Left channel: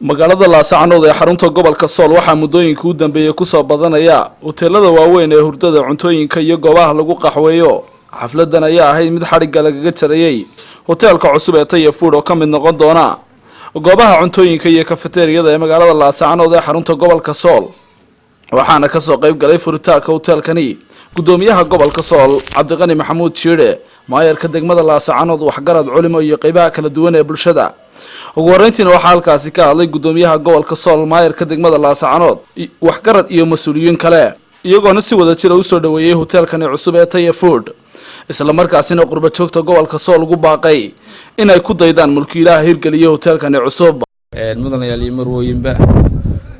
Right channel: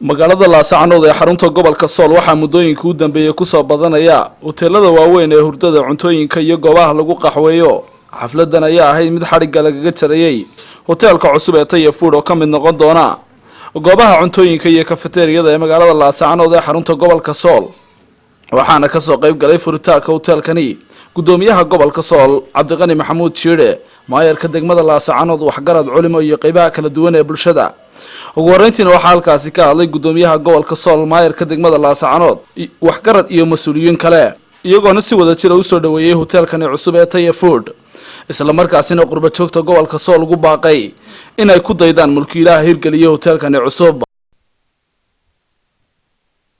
magaalada Laascaanood ee xarunta gobolka Sool waxaa muddooyinka u dambeeyay ku soo badanaya hoteelada waaweyn ee hurdada cuntooyinka iyo goobaha lagu qaxweeyo. xafladan ayaa ahayd mid xariga lagaga jarayay hoteelka cusub ee Taya Food oo ka mid noqon doona goobaha cuntooyinka iyo kafeteriyada ee magaalada Laascaanood ee xarunta gobolka Sool. waxaana ka soo qayb galay furitaanka hoteelkani gudoomiyaha gobolka Sool Cabdiqani Maxamuud Shiire, maayarka degmada Laascaanood, waxgarad culimo iyo qaybaha kala duwan ee bulshada. ugu horeyntiina waxaa halkaasi ka hadlay gudoomiyaha gobolka Sool, maayarka degmada Laascaanood, waxgarad iyo mas'uuliyiin kale, iyagoona si wada jir u soo dhaweeyay hoteelkani cusub ee Taya Food, isla markaasina qurba joogta gobolka Sool ugu baaqay inay ku daydaan mulkiilaha hirgeliya hoteelkani cusub. mudanayaal iyo marwooyinba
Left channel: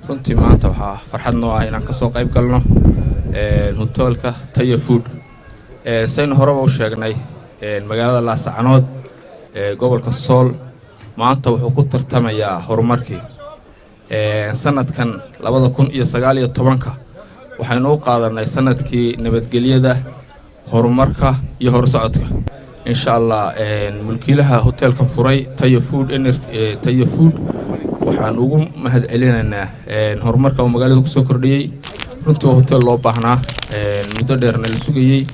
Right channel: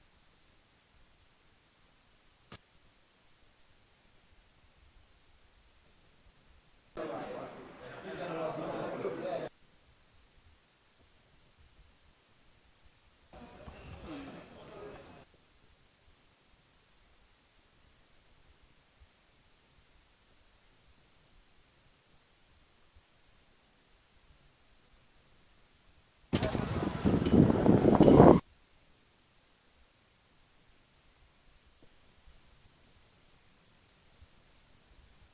runtii maanta waxaa farxad noo ah inaan ka soo qayb galno hoteelka Taya Food. saynu horeba u sheegnay magaalada Laascaanood gobolka Sool maanta wuxuu ku tartamayaa horumarkii sanadkan 2019 waxaynu u qaadanay sanadkii nabadgelyada, horumarka iyo horsocodka. insha Allah mulkiilaha hoteelkan furay Taya Food waxaan ugu mahad celinaynaa horumarka uu magaalada ku soo kordhiyay. runtii waa hotel loo baahnaa muddo dheerna la sugayay,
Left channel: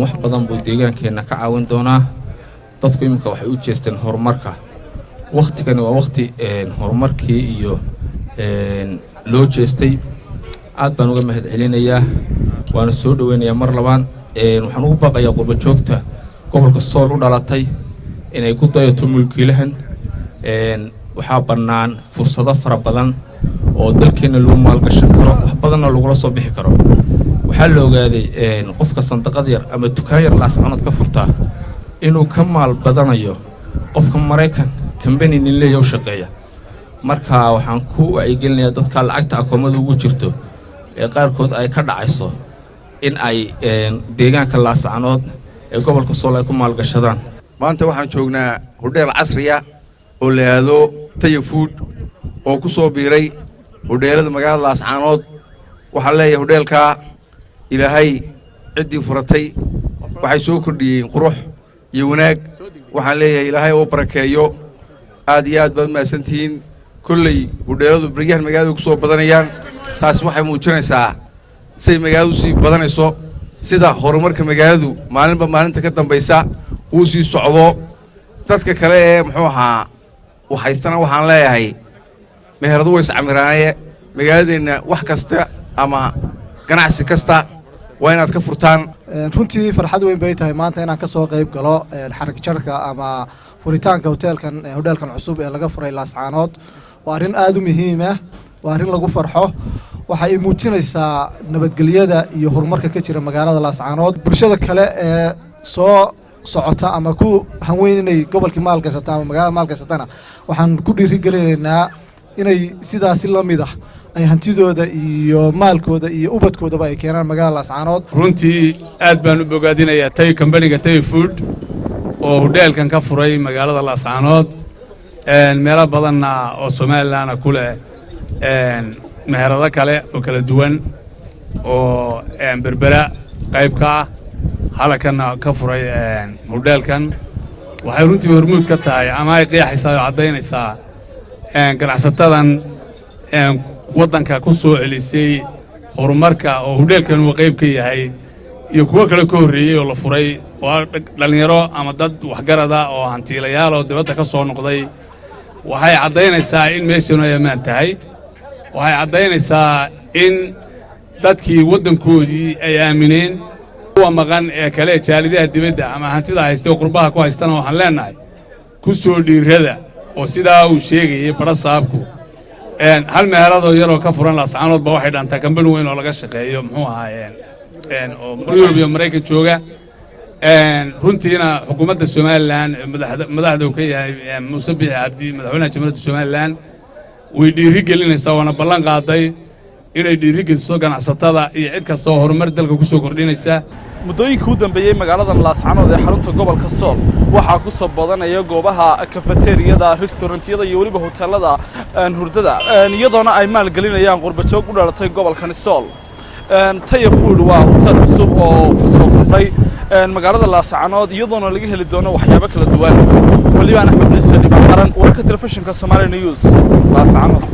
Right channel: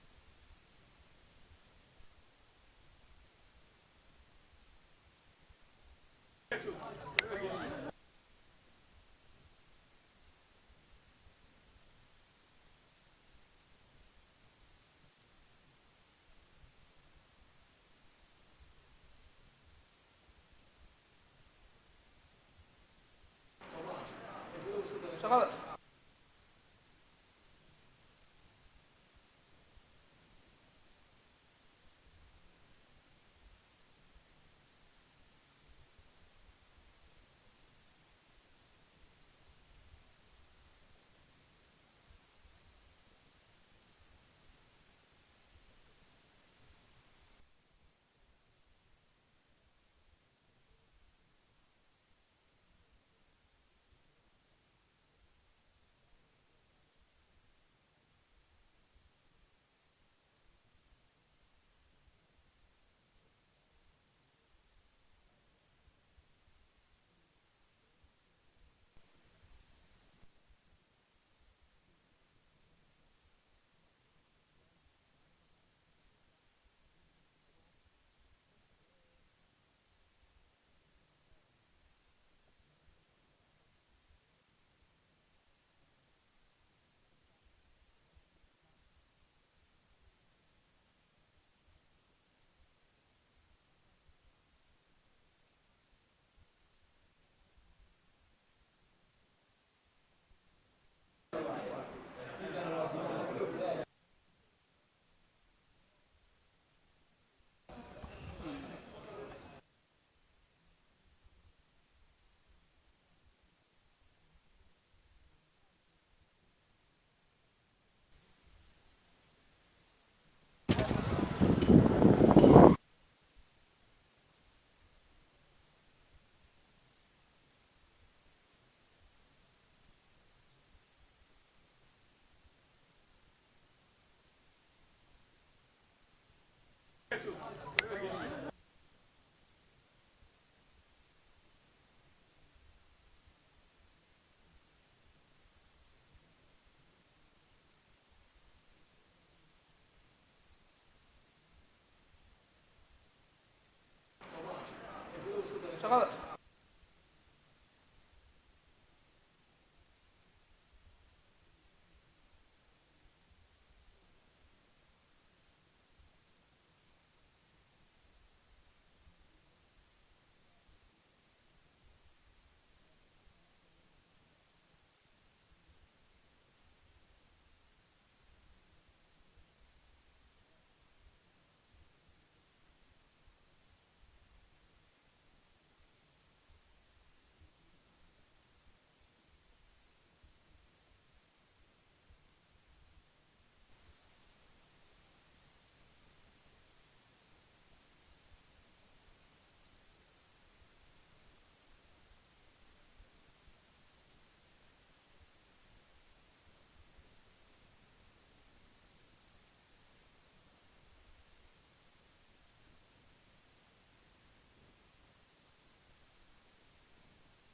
wax badan buu deegaankeena ka caawin doonaa. dadku imika waxay u jeesteen horumarka. waqtigani waa waqti horumarkii iyo loo jeestay. aad baan uga mahad celinayaa, waana soo dhaweynayaa mar labaad. waxaan ugu baaqayaa qurba joogta gobolka Sool u dhalatay inay ku dayato mulkiilahan. waxaa bannaan fursado fara badan oo dalkeena lagu maalgashan karo, wax badanna lagula soo bixi karo. waxaa la ogaaday qofka sandaqad yar ama dukaan yar Laascaanood ka furtaa inuu ka maal badanayo qofka Mareykan company nin leeyahay u shaqeeya. marka waxaan ku wacyigelinayaa dadka lacagta akoomada ugu jirto ee qaarkood ay ka dhacayso in ay deegaanka Laascaanood ee gobolka Sool ay ku maalgashadaan. maanta waxaan joognaa hodheel casriya oo la yiraahdo Taya Food oo ku soo biiray hodheelada magaalada Laascaanood. waxaan leeyahay hodheelka ilaahay cidii furatay waxay soo kordhiyeen qurux iyo wanaag. waxaan leeyahay ilaahay oo barakeeyo. aad iyo aad baad maasantiin. kullay hodheeladu bariyahan magaalada ku soo badanayaan, taas waxay muujinaysaa say magaaladu sii badanayso, sida horumarka magaaladu maalinba maalinta ka dambaysa uu sii socdo. dadka kale ee muxuu ahaa waxaystana waxaan leeyahay meheradu way iscamiraaye magaaladeena wax kasta ama ganacsi kasta waa inaad ka furtaan. runtii farxad weyn bay tahay maanta inaan ka soo qayb galo xarig jarka ama furitaanka hoteelkan cusub ee laga furay Laascaanood. waa arrin aad u muhiim ah, waa arrin lagu farxo. waxay muujinaysaa nabadgelyada iyo horumarka ka jira magaalada Laascaanood. bulshada kale ee soo socota ama ku hanweyn inay gobolka maalgashata ama magaalada maalgashatana waxaan ku dhiirigelinaynaa inay sidaas la mid ah ay hantidooda iyo maalkooda iyo ubadkoodaba ay keenaan magaalada Laascaanood. runtii aad baan u bogaadinayaa company-ga Taya Food oo hoteelkan ka furay magaalada Laascaanood. meelo badanna oo Soomaaliland ku leh meherado kale oo kala duwan oo berbera qayb ka ah halkana ka furay hoteelkan. waxay runtii hormuud ka tahay ama ay qeexaysaa oo cadaynaysaa ganacsatadan waddanka ku soo celisay horumarka oo hoteelkan uu qayb ka yahay iyo kuwa kale ka horreeyay oo la furay oo dhalinyaro ama dad waxgarada oo hantiilayaal oo dibadda ka soo noqday. waxay cadaynaysaa in meeshanu ay ammaan tahay. waxay cadaynaysaa in dadkii waddankoodii ay aamineen. kuwa maqan ee kale jaalidaha dibadda ama hantida haystay oo qurbaha ku haystana waxaan leenahay ku soo dhiirada oo sidaa uu sheegayay barasaabku hal meherado yaroo ka furan Laascaanood ba waxay dhantaa company weyn oo laga shaqeeyo muxuu ahaayeen oo Europe iyo Mareykan jooga. runtiina xukuumadda Soomaaliland madaxda uu ka yahay Muuse Biixi Cabdi, madaxweynaha jamhuuriyadda Soomaaliland, way dhiirigelinaysaa waana ballan qaaday inay dhiirigeliso ganacsatada iyo cid kasta oo horumar dalka ku soo kordhinaysa. muddooyinka u dambeeyay magaalada Laascaanood ee xarunta gobolka Sool waxaa ku soo badanaya goobaha kafeteriyada, restaurantiyada iyo waliba hoteelada hurdada, iyadoona ay maalgelinayaan qurba joog u dhalatay gobolkan Sool. Taya Food waa hotel cusub oo ku soo kordhay magaalada laascaanood iyadoona laga heli doono waxyaabo kala duwan walibaan axmed ciise dhiban qaran wararka telefishinka Somali News laascaanood